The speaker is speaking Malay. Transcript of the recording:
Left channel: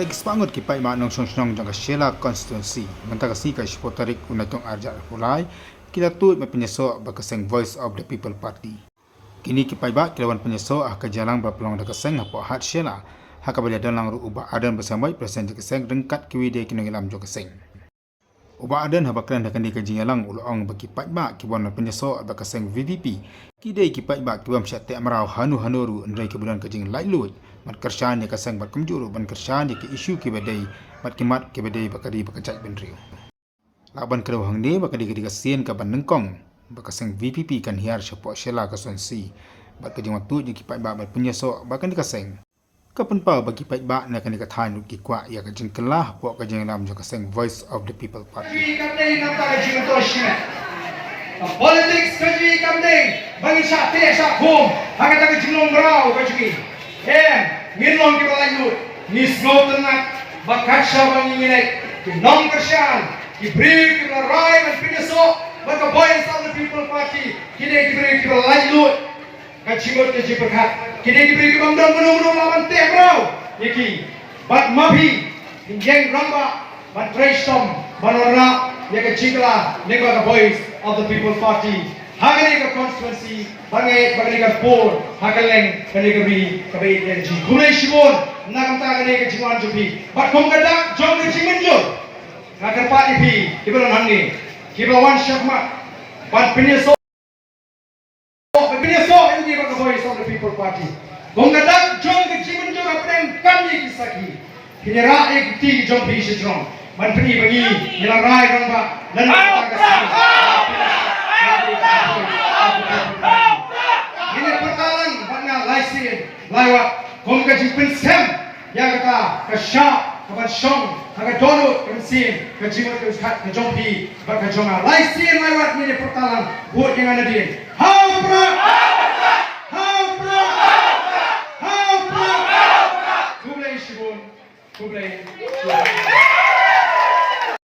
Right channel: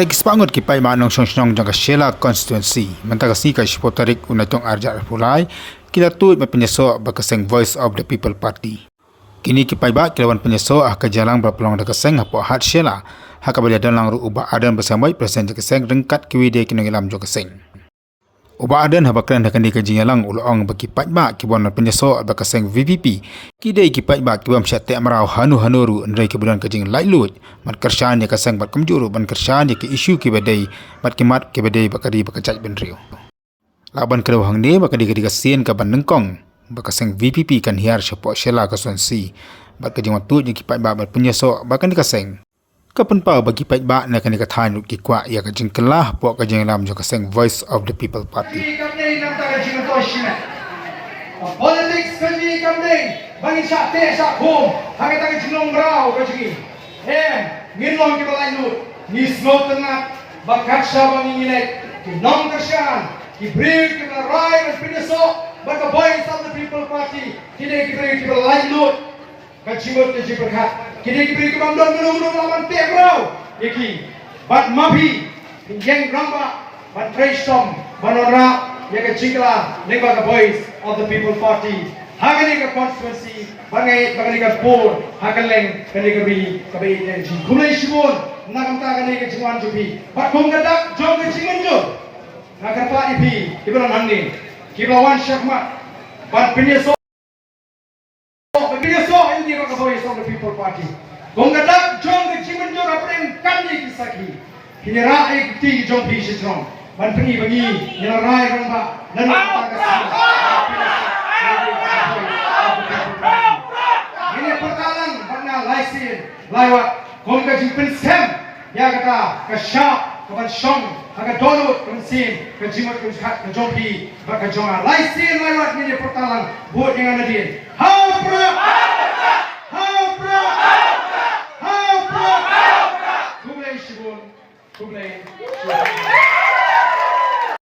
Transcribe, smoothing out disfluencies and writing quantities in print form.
Lagi sepangut kipai manong song jangka Shella constituency. Mentaka sika sipotarik unatong arjar pulai. Kita tuit pynïasoh bakaseng Voice of the People Party. Kini kipai ba kilawan pynïasoh ke jalan berpeluang dakaseng hapo hat Shella. Haka balik dalam ru ubah adan bersamai presiden jakaseng rengkat kiwide kinongilam jakaseng. Ubah adan habakran akan dikajingalang ulong bagi paidbah kibuan pynïasoh bakaseng VPP. Kidai ki paidbah kibam syatek marau hanu-hanuru ndrai kebulan kajing laitluid. Mat kersaan ya kasang bat kemjuru ban kersaan ya ke isu kibadai bat kimat kibadai bakadi bakacai benriu. Laban kedawang ni bakadi kadikasin ka ban nengkong bakaseng VPP kan hiar syapo Shella constituency. Bat kajing watut ya ki paidbah bat pynïasoh bakan dikaseng. Kapan pa bagi paidbah na kan dikatahan ki kwa ya kajing kelah po kajing lam jo kaseng Voice of the People Party. Politics kami kamding bangin sa te sa home hanggang tayo jinglong brau kajmi nginlong di balai lut ni slow tenat bakat siya bangin nginay kinong kasyan ibrig di balai dan pynïasoh baka Voice of the People Party kini ibrig di balai lut kajimot kaji berkat kini ibrig di bamdong menung-menung lawan te brau iki bat mabi yang ramba bat reistom banora ya keciklah negara Voice of the People Party. Hagani ka constituency, bagani ka poll, hagaleng kani ka bi kabai yang ji. Kulai sibon, nakanta kani ka jiwan jupi. Bat kong kadak jom ka jiman jo. Nakar party pi, ibaran hamni. Kibawan syakmat, bat pynïasoh ini ka Voice of the People Party. Kong kadak jom ka jiman jo kapeng kami kisaki. Kinera ikti jom pi sitrong. Ban peni bagi nilarai ramba dan ini pertalan bangnya laisin lawat kom ka jipen sem ya kata ka syap ka ban syong ka dolut ka mesin ka jimat ka kat ka jompi ba ka joma laisin lawat ini pertalan buat yang ada dia ha pra